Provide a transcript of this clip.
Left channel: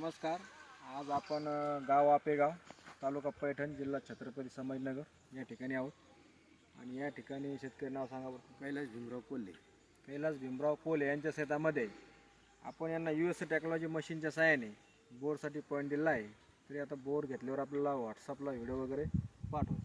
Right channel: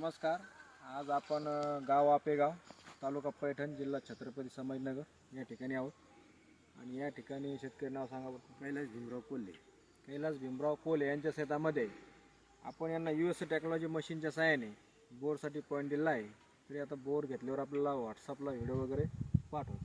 नमस्कार. आज आपण अ, गाव आपेगाव तालुका पैठण जिल्हा छत्रपती संभाजीनगर या ठिकाणी आहोत. आणि या ठिकाणी शेतकरी नाव सांगा बरं. कैलास भीमराव कोल्हे. कैलास भीमराव कोले यांच्या शेतामध्ये आपण यांना यू एस टेक्नॉलॉजी मशीनच्या सहाय्याने बोरसाठी पॉईंट दिला आहे. तरी आता बोर घेतल्यावर आपल्याला व्हॉट्सअपला व्हिडिओ वगैरे पाठवू